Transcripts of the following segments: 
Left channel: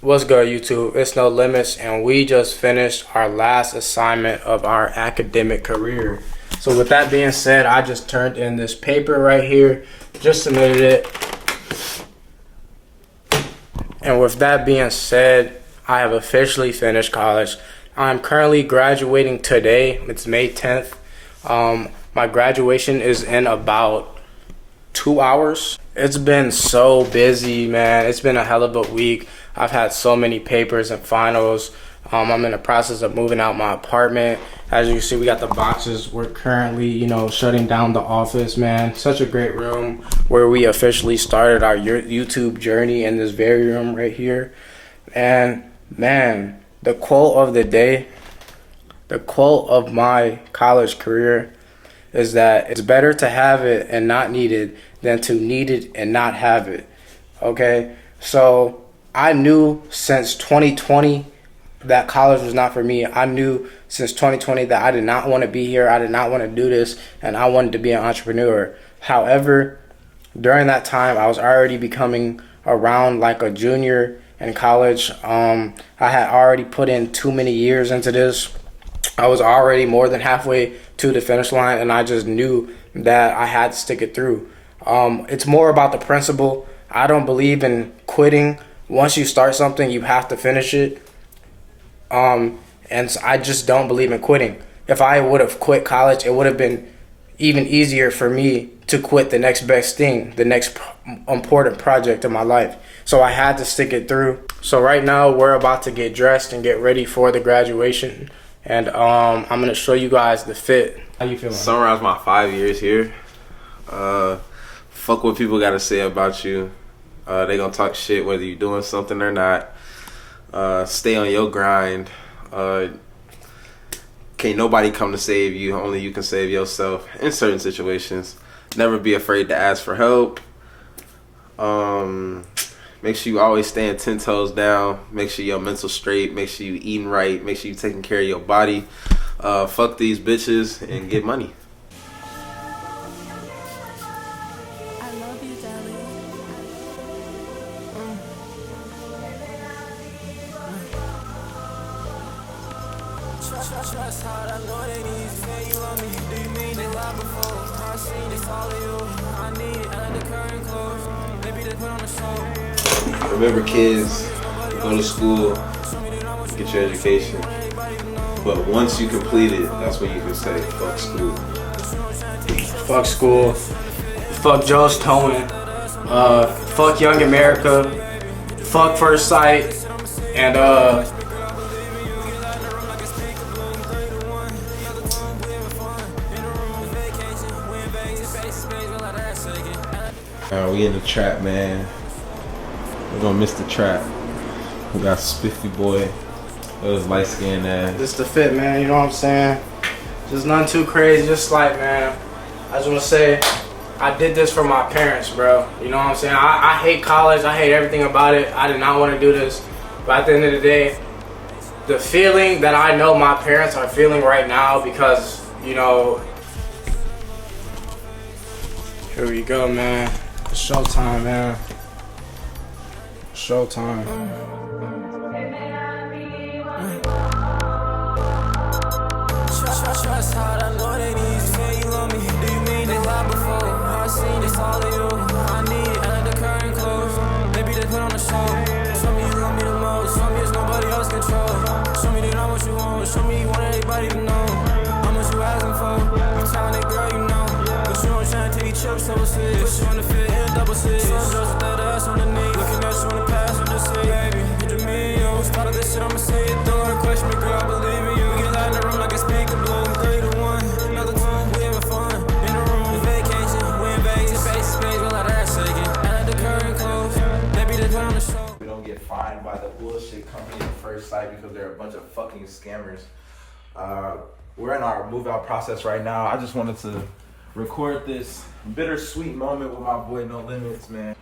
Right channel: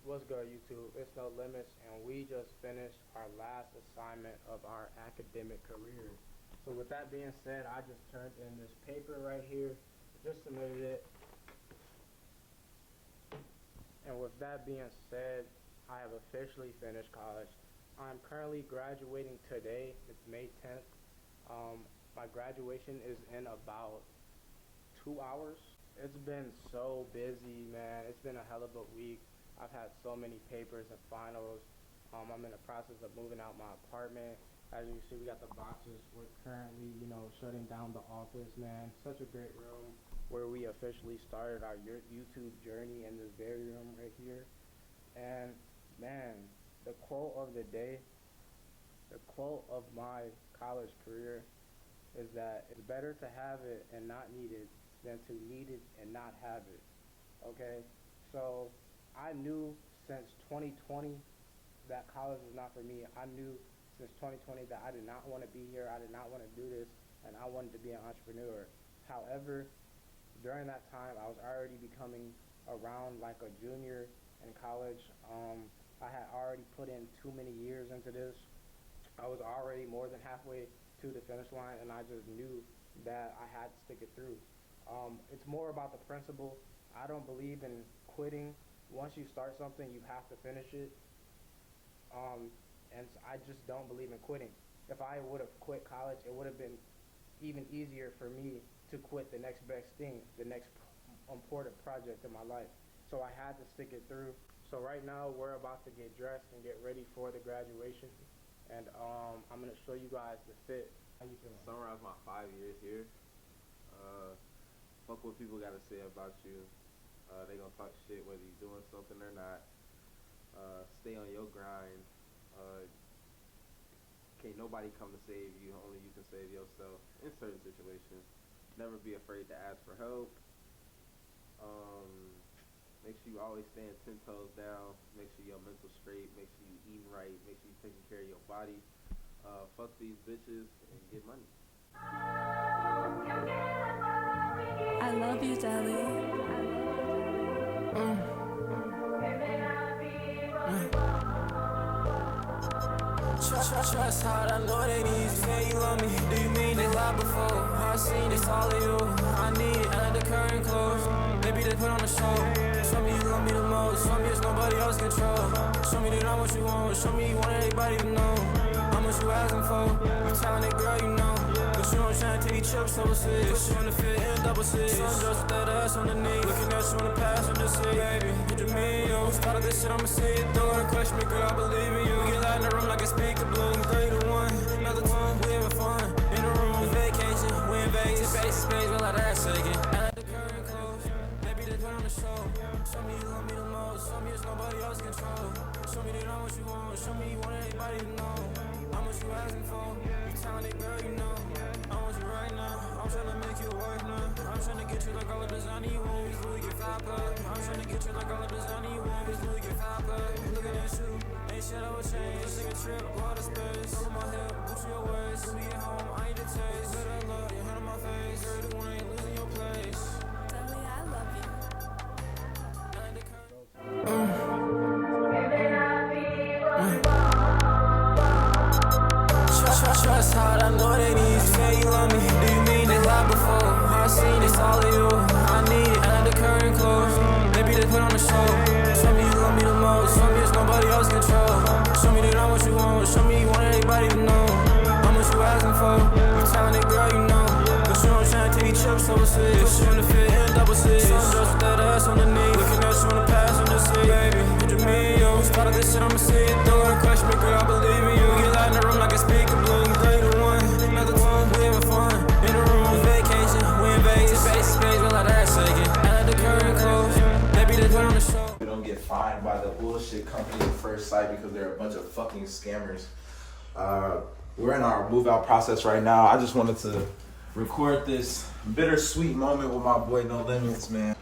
What's good, YouTube? It's No Limits, and we just finished our last assignment of our academic career. So with that being said, I just turned in this paper right here, just submitted it. And with that being said, I have officially finished college. I'm currently graduating today. It's May 10th. My graduation is in about 2 hours. It's been so busy, man. It's been a hell of a week. I've had so many papers and finals. I'm in the process of moving out my apartment. As you can see, we got the boxes. We're currently, shutting down the office, man. Such a great room where we officially started our YouTube journey in this very room right here. And man, the quote of the day, the quote of my college career is that it's better to have it and not need it than to need it and not have it. Okay? So I knew since 2020 that college was not for me. I knew since 2020 that I did not want to be here. I did not want to do this, and I wanted to be an entrepreneur. However, during that time, I was already becoming around like a junior in college. I had already put in too many years into this. I was already more than halfway to the finish line, and I just knew that I had to stick it through. It's more about the principle. I don't believe in quitting. Once you start something, you have to finish it. And so I just don't believe in quitting. If I would have quit college, it would have been even easier for me to quit the next best thing, the next important project in my life. So I had to stick it through. So right now we're about to get dressed and get ready for the graduation. And I'm gonna show you guys the fit. How you feeling? Summarize my 5 years here. Fuck what people gotta say about you. They gonna talk shit whether you doing something or not. Stay on your grind. Can't nobody come to save you. Only you can save yourself in certain situations. Never be afraid to ask for help. Make sure you always stand 10 toes down. Make sure your mental straight. Make sure you eating right. Make sure you taking care of your body. Fuck these bitches and get money. I love you, darling. Trust hard, I know they need to say you love me. Do you mean they lied before? I seen it's all of you. I need it under the current clothes. Maybe they put on a show. Remember, kids, go to school, get your education. But once you complete it, that's when you can say fuck school. Fuck school. Fuck Joe's Towing. Fuck Young America. Fuck First Sight. And We in the trap, man. We're gonna miss the trap. We got Spiffy Boy. That was light skinned ass. just the fit, man. You know what I'm saying? Just nothing too crazy. Just like, man, I just want to say, I did this for my parents, bro. You know what I'm saying? I hate college. I hate everything about it. I did not want to do this. But at the end of the day, the feeling that I know my parents are feeling right now because, here we go, man. Showtime, man. Showtime. Trust hard, I know they need to say you love me. Do you mean they lied before? I seen it's all of you. I need it under the current clothes. Maybe they put on a show. Show me you love me the most. Show me it's nobody else control. Show me they not what you want. Show me you want everybody to know how much you asking for. I'm telling that girl you know. Cause you know I'm trying to take trips overseas. Put you on the fit and double six. Some girls with that ass on the knee. Looking at you in the past, I'm just saying, baby, you do me, yo. Start of this shit, I'ma say it through. Don't question me, girl, I believe in you. Get loud in the room like a speaker blue. 3 to 1, another time, we having fun. In the room, vacation, we in Vegas. Space, we like that shaking. And at the current clothes, maybe they put on the show. We don't get fined by the bullshit company at First Sight because they're a bunch of fucking scammers. We're in our move out process right now. I just wanted to record this bittersweet moment with my boy No Limits, man.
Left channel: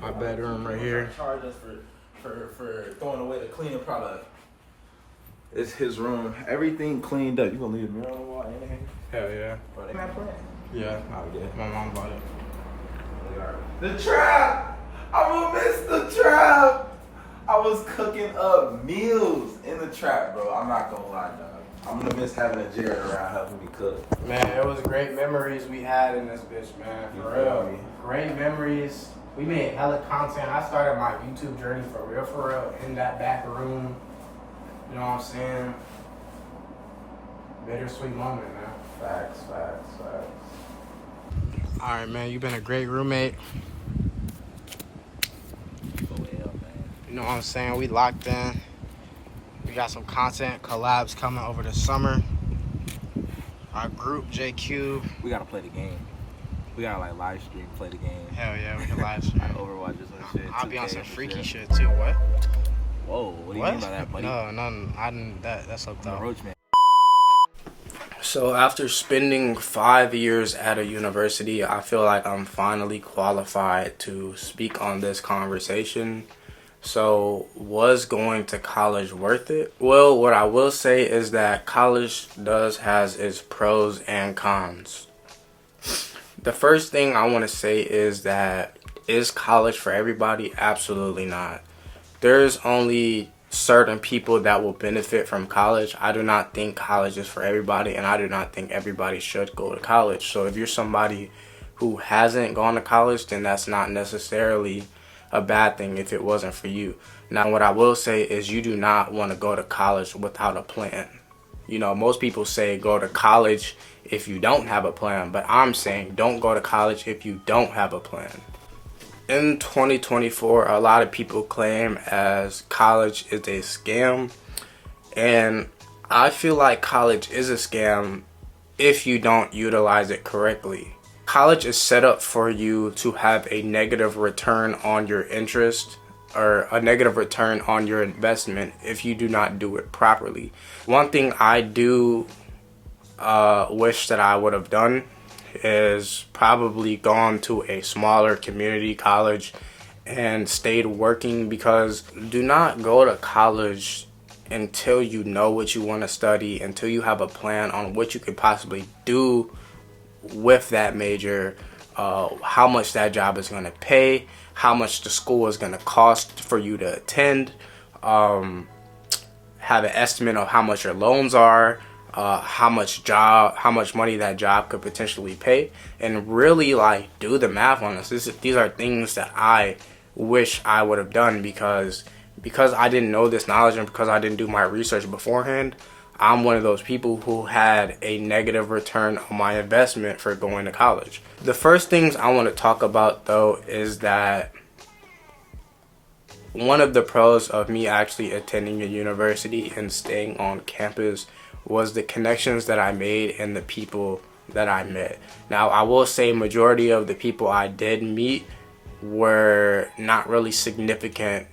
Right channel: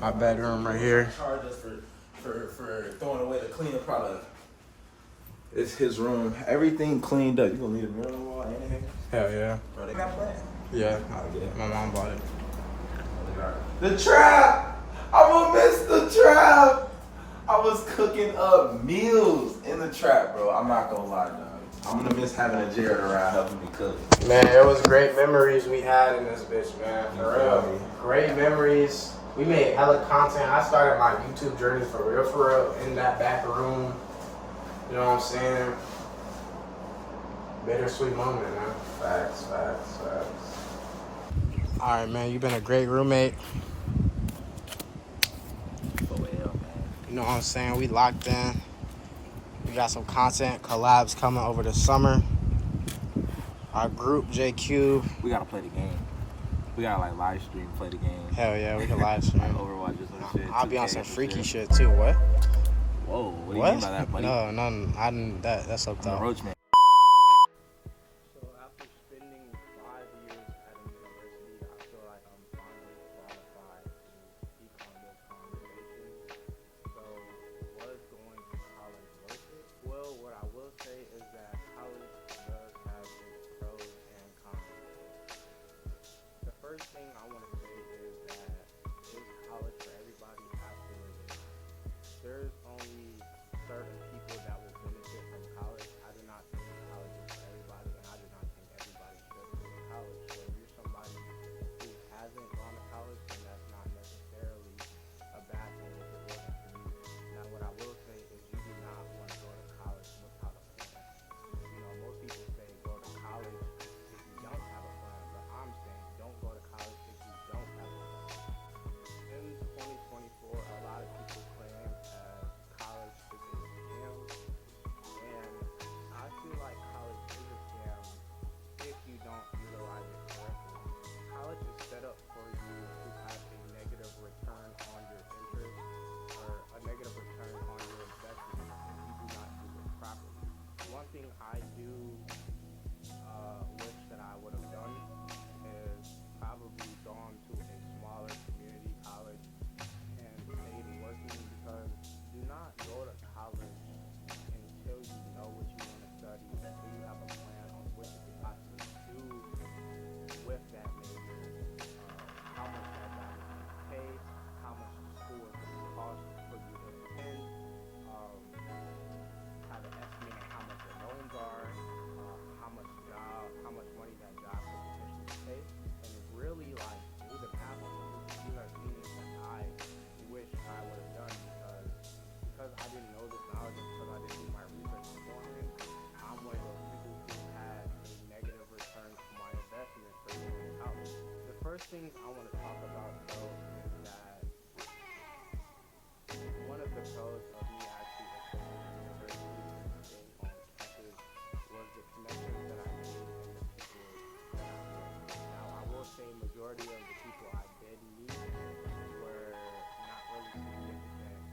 My bedroom right here. Charge us for throwing away the cleaning product. It's his room. Everything cleaned up. You gonna leave the mirror on the wall and everything? Hell yeah. Bro, they got that. Yeah. My mom bought it. The trap! I'm gonna miss the trap! was cooking up meals in the trap, bro. I'm not gonna lie, dog. I'm gonna miss having a Jared around helping me cook. Man, it was great memories we had in this bitch, man. For You feel real. me? Great memories. We made hella content. I started my YouTube journey for real, in that back room. You know what I'm saying? Bittersweet moment, man. Facts. All right, man. You've been a great roommate. You know what I'm saying? We locked in. We got some content collabs coming over the summer. Our group, JQ. We gotta play the game. We gotta like live stream, play the game. Hell yeah, we can live stream. Like Overwatch or some shit. I'll be on 2K some or freaky shit. shit too. What? Whoa, what do you mean by that, buddy? No, I didn't. That's up I'm a top. roach man. So after spending 5 years at a university, I feel like I'm finally qualified to speak on this conversation. So was going to college worth it? Well, what I will say is that college has its pros and cons. The first thing I want to say is that is college for everybody? Absolutely not. There's only certain people that will benefit from college. I do not think college is for everybody, and I do not think everybody should go to college. So if you're somebody who hasn't gone to college, then that's not necessarily a bad thing if it wasn't for you. Now, what I will say is you do not want to go to college without a plan. You know, most people say go to college if you don't have a plan, but I'm saying don't go to college if you don't have a plan. In 2024, a lot of people claim as college is a scam, and I feel like college is a scam if you don't utilize it correctly. College is set up for you to have a negative return on your interest or a negative return on your investment if you do not do it properly. One thing I do wish that I would have done is probably gone to a smaller community college and stayed working, because do not go to college until you know what you want to study, until you have a plan on what you could possibly do with that major, how much that job is going to pay, how much the school is going to cost for you to attend, have an estimate of how much your loans are, how much money that job could potentially pay, and really like do the math on this. These are things that I wish I would have done because I didn't know this knowledge and because I didn't do my research beforehand. I'm one of those people who had a negative return on my investment for going to college. The first things I want to talk about though is that one of the pros of me actually attending a university and staying on campus was the connections that I made and the people that I met. Now, I will say majority of the people I did meet were not really significant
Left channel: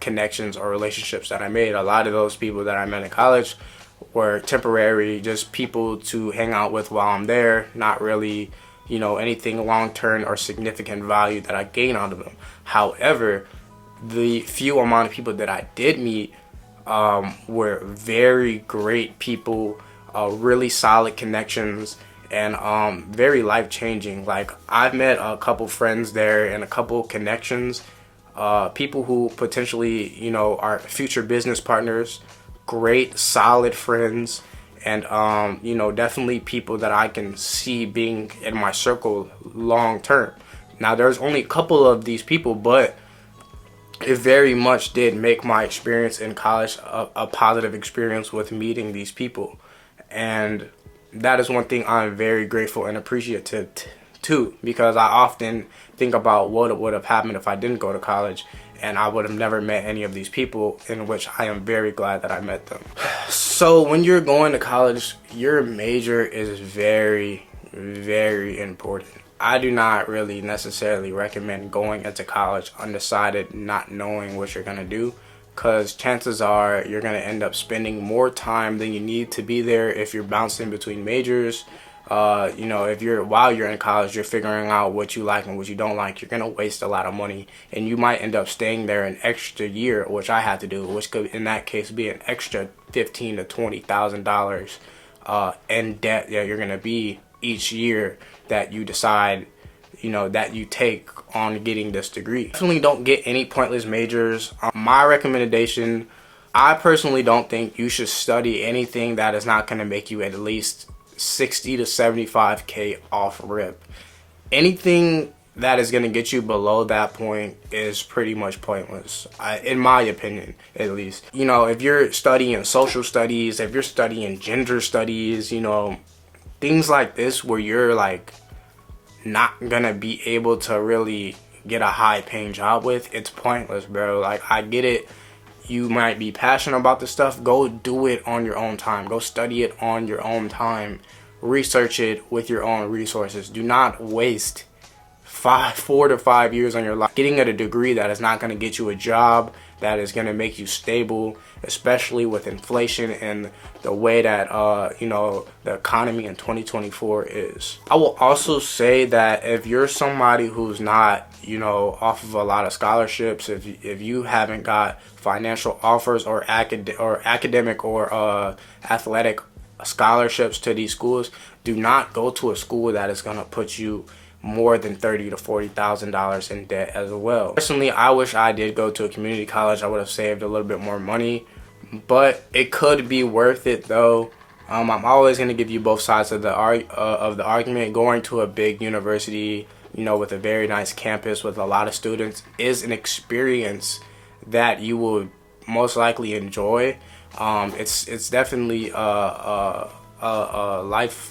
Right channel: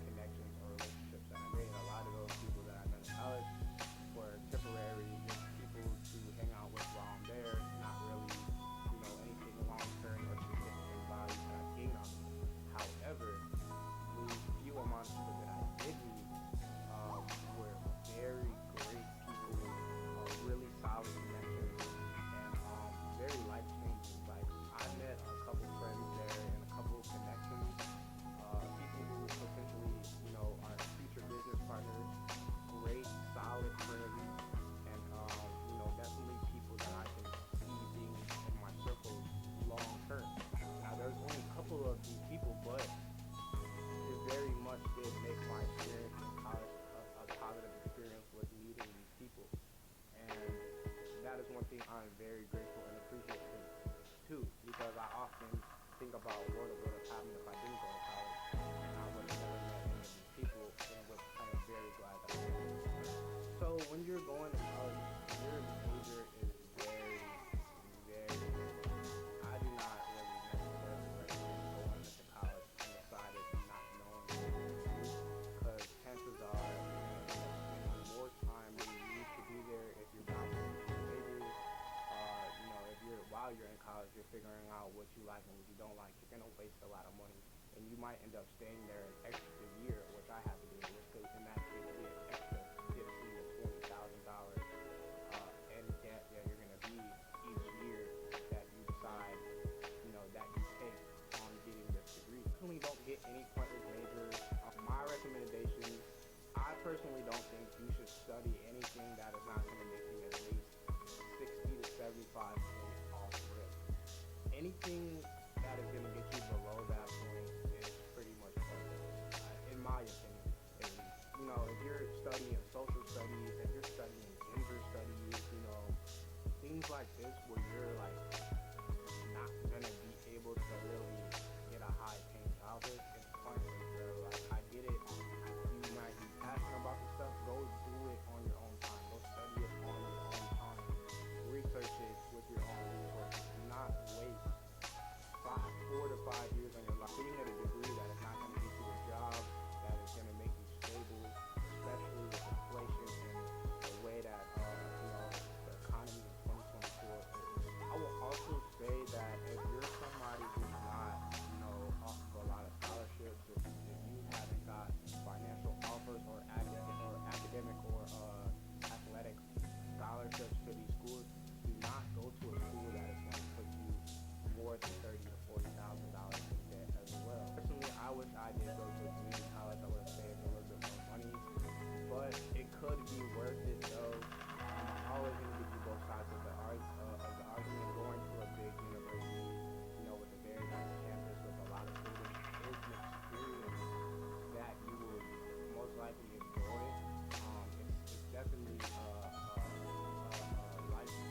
connections or relationships that I made. A lot of those people that I met in college were temporary, just people to hang out with while I'm there, not really, anything long-term or significant value that I gained out of them. However, the few amount of people that I did meet were very great people, really solid connections, and very life-changing. Like, I've met a couple friends there and a couple connections, people who potentially, are future business partners, great, solid friends, and, definitely people that I can see being in my circle long-term. Now, there's only a couple of these people, but it very much did make my experience in college a positive experience with meeting these people. And that is one thing I'm very grateful and appreciative to, because I often think about what would have happened if I didn't go to college and I would have never met any of these people, in which I am very glad that I met them. So when you're going to college, your major is very, very important. I do not really necessarily recommend going into college undecided, not knowing what you're going to do, because chances are you're going to end up spending more time than you need to be there if you're bouncing between majors. If while you're in college, you're figuring out what you like and what you don't like, you're going to waste a lot of money, and you might end up staying there an extra year, which I had to do, which could in that case be an extra $15,000 to $20,000 in debt that you're going to be each year that you decide, that you take on getting this degree. Definitely don't get any pointless majors. My recommendation, I personally don't think you should study anything that is not going to make you at least 60 to 75K off rip. Anything that is going to get you below that point is pretty much pointless, in my opinion, at least. You know, if you're studying social studies, if you're studying gender studies, you know, things like this where you're like not gonna be able to really get a high paying job with, it's pointless, bro. Like, I get it, you might be passionate about this stuff. Go do it on your own time. Go study it on your own time. Research it with your own resources. Do not waste 4 to 5 years on your life getting a degree that is not going to get you a job that is going to make you stable, especially with inflation and the way that you know, the economy in 2024 is. I will also say that if you're somebody who's not, you know, off of a lot of scholarships, if you haven't got financial offers or academic or athletic scholarships to these schools, do not go to a school that is going to put you more than $30,000 to $40,000 in debt as well. Personally, I wish I did go to a community college. I would have saved a little bit more money, but it could be worth it though. I'm always going to give you both sides of the argument. Going to a big university, you know, with a very nice campus with a lot of students is an experience that you will most likely enjoy. It's definitely a life,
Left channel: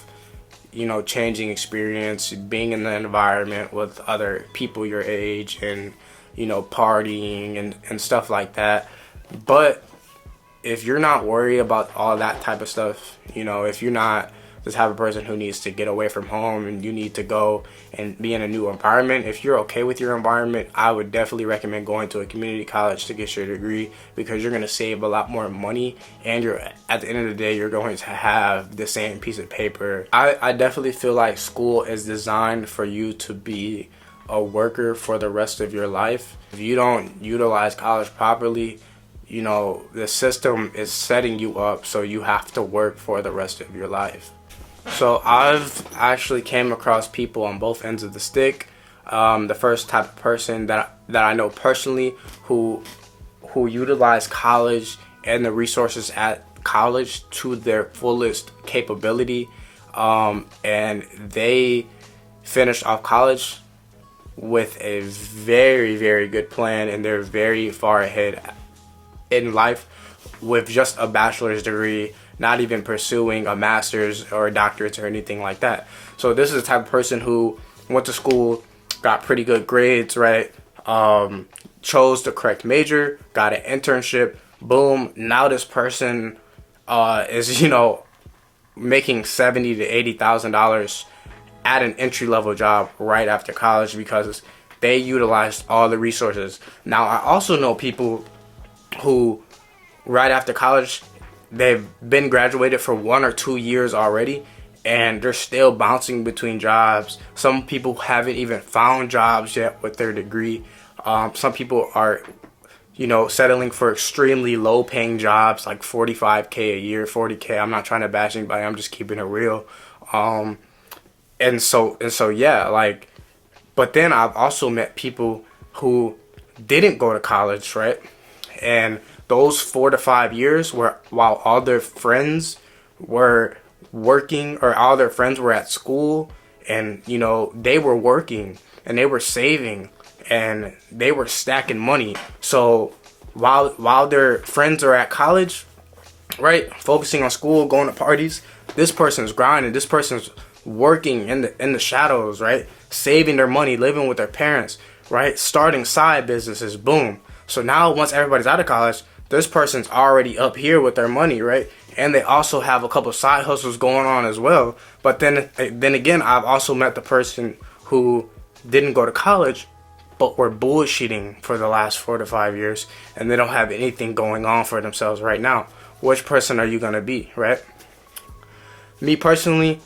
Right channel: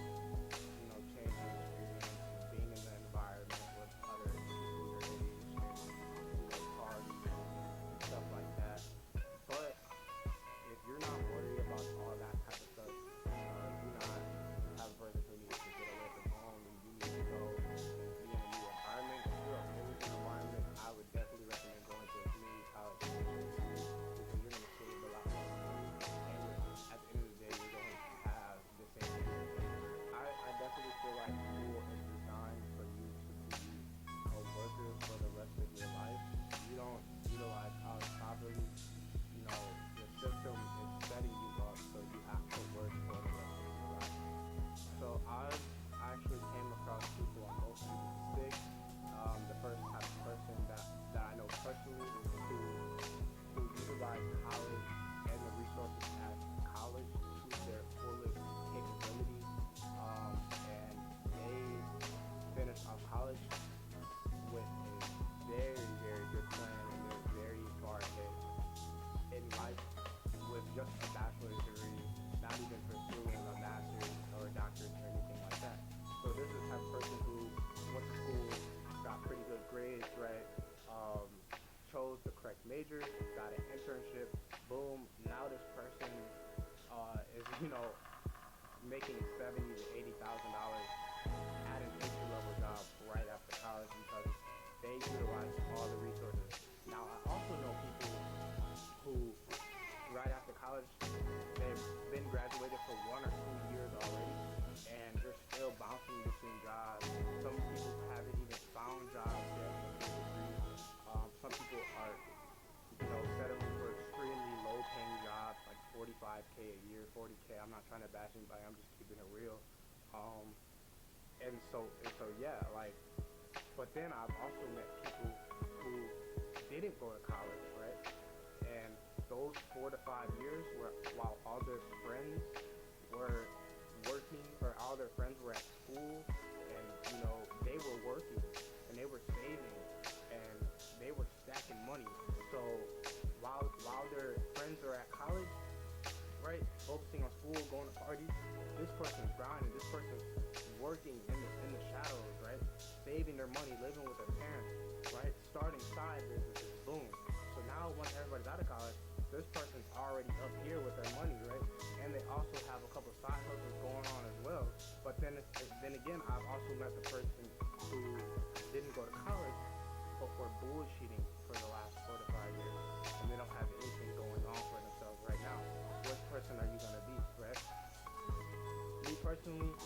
you know, changing experience, being in the environment with other people your age and, you know, partying and stuff like that. But if you're not worried about all that type of stuff, you know, if you're not the type of person who needs to get away from home and you need to go and be in a new environment, if you're okay with your environment, I would definitely recommend going to a community college to get your degree, because you're going to save a lot more money and you're, at the end of the day, you're going to have the same piece of paper. I definitely feel like school is designed for you to be a worker for the rest of your life. If you don't utilize college properly, you know, the system is setting you up so you have to work for the rest of your life. So I've actually came across people on both ends of the stick. The first type of person that I know personally who utilize college and the resources at college to their fullest capability, and they finished off college with a very, very good plan, and they're very far ahead in life with just a bachelor's degree, not even pursuing a master's or a doctorate or anything like that. So this is the type of person who went to school, got pretty good grades, right? Chose the correct major, got an internship, boom. Now this person is, you know, making $70,000 to $80,000 at an entry-level job right after college because they utilized all the resources. Now I also know people who right after college, they've been graduated for 1 or 2 years already, and they're still bouncing between jobs. Some people haven't even found jobs yet with their degree. Some people are, you know, settling for extremely low paying jobs like $45K a year, $40K. I'm not trying to bash anybody, I'm just keeping it real. And so yeah, like, but then I've also met people who didn't go to college, right? And those 4 to 5 years were while all their friends were working, or all their friends were at school, and, you know, they were working and they were saving and they were stacking money. So while their friends are at college, right, focusing on school, going to parties, this person's grinding, this person's working in the shadows, right, saving their money, living with their parents, right, starting side businesses, boom. So now once everybody's out of college, this person's already up here with their money, right? And they also have a couple side hustles going on as well. But then again, I've also met the person who didn't go to college, but were bullshitting for the last 4 to 5 years, and they don't have anything going on for themselves right now. Which person are you gonna be, right? Me personally,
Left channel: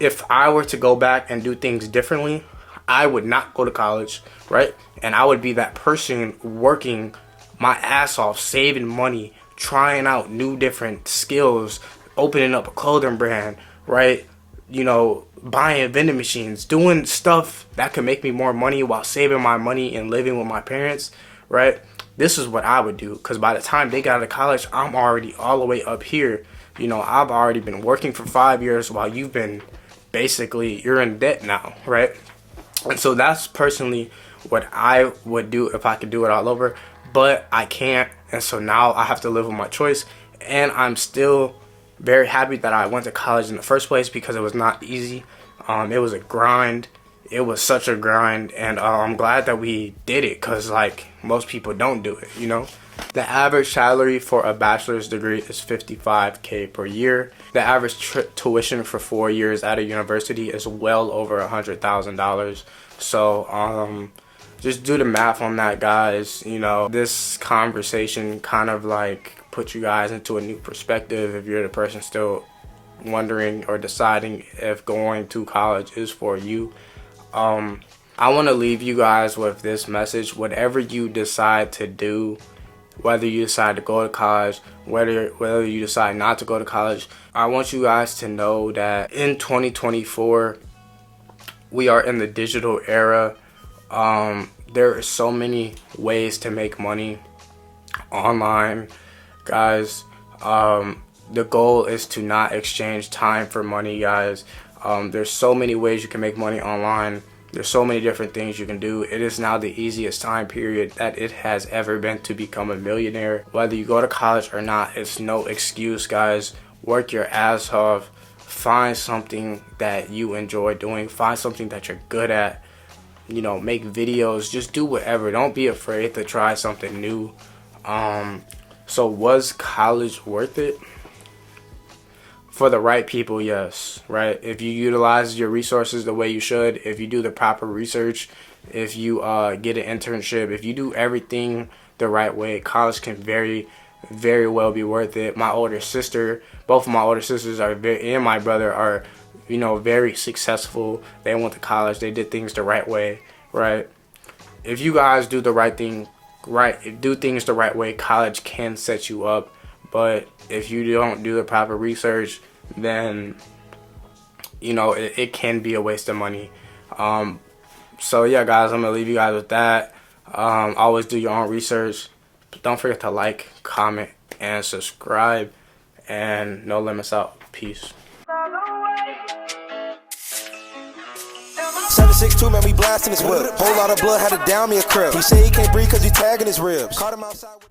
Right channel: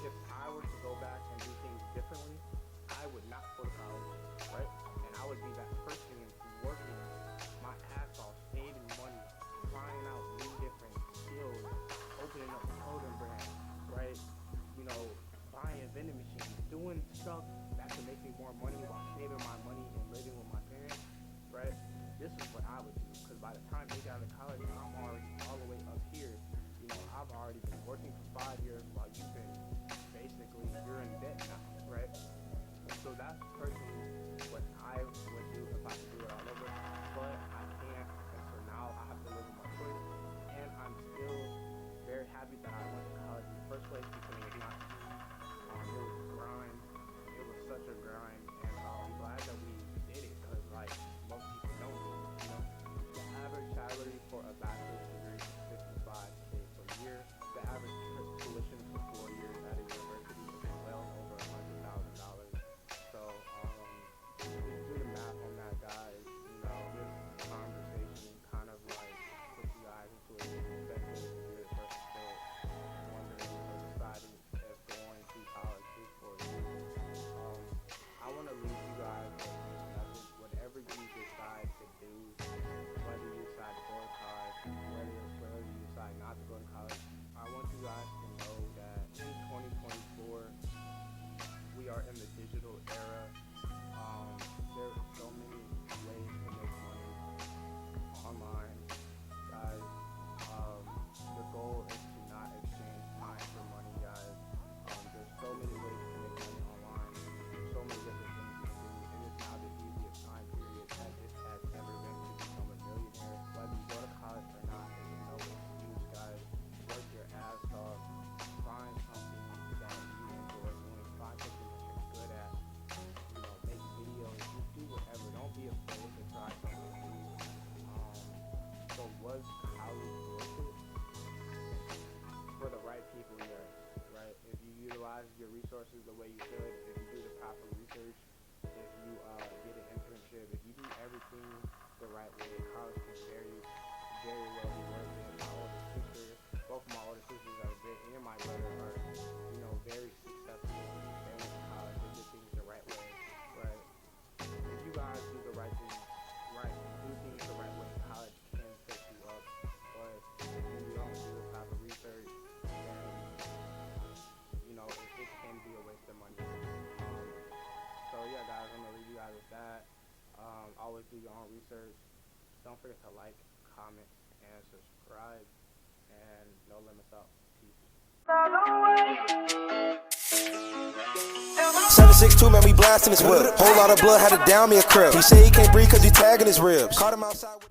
if I were to go back and do things differently, I would not go to college, right? And I would be that person working my ass off, saving money, trying out new different skills, opening up a clothing brand, right? You know, buying vending machines, doing stuff that could make me more money while saving my money and living with my parents, right? This is what I would do, because by the time they got out of college, I'm already all the way up here. You know, I've already been working for 5 years while you've been basically, you're in debt now, right? And so that's personally what I would do if I could do it all over, but I can't. And so now I have to live with my choice. And I'm still very happy that I went to college in the first place, because it was not easy. It was a grind. It was such a grind, and I'm glad that we did it, because like most people don't do it, you know. The average salary for a bachelor's degree is $55K per year. The average tuition for 4 years at a university is well over $100,000. So just do the math on that, guys. You know, this conversation kind of like put you guys into a new perspective if you're the person still wondering or deciding if going to college is for you. I want to leave you guys with this message. Whatever you decide to do, whether you decide to go to college, whether you decide not to go to college, I want you guys to know that in 2024, we are in the digital era. There are so many ways to make money online, guys. The goal is to not exchange time for money, guys. There's so many ways you can make money online. There's so many different things you can do. It is now the easiest time period that it has ever been to become a millionaire. Whether you go to college or not, it's no excuse, guys. Work your ass off. Find something that you enjoy doing. Find something that you're good at. You know, make videos. Just do whatever. Don't be afraid to try something new. So was college worth it? For the right people, yes, right? If you utilize your resources the way you should, if you do the proper research, if you get an internship, if you do everything the right way, college can very, very well be worth it. My older sister, both of my older sisters and my brother are, you know, very successful. They went to college. They did things the right way, right? If you guys do the right thing, do things the right way, college can set you up. But if you don't do the proper research, then, you know, it can be a waste of money. So yeah, guys, I'm gonna leave you guys with that. Always do your own research. Don't forget to like, comment, and subscribe. And no limits out. Peace. 762, man, we blasting his whip. Whole lot of blood had to down me a crib. He say he can't breathe cause he tagging his ribs. Caught him outside with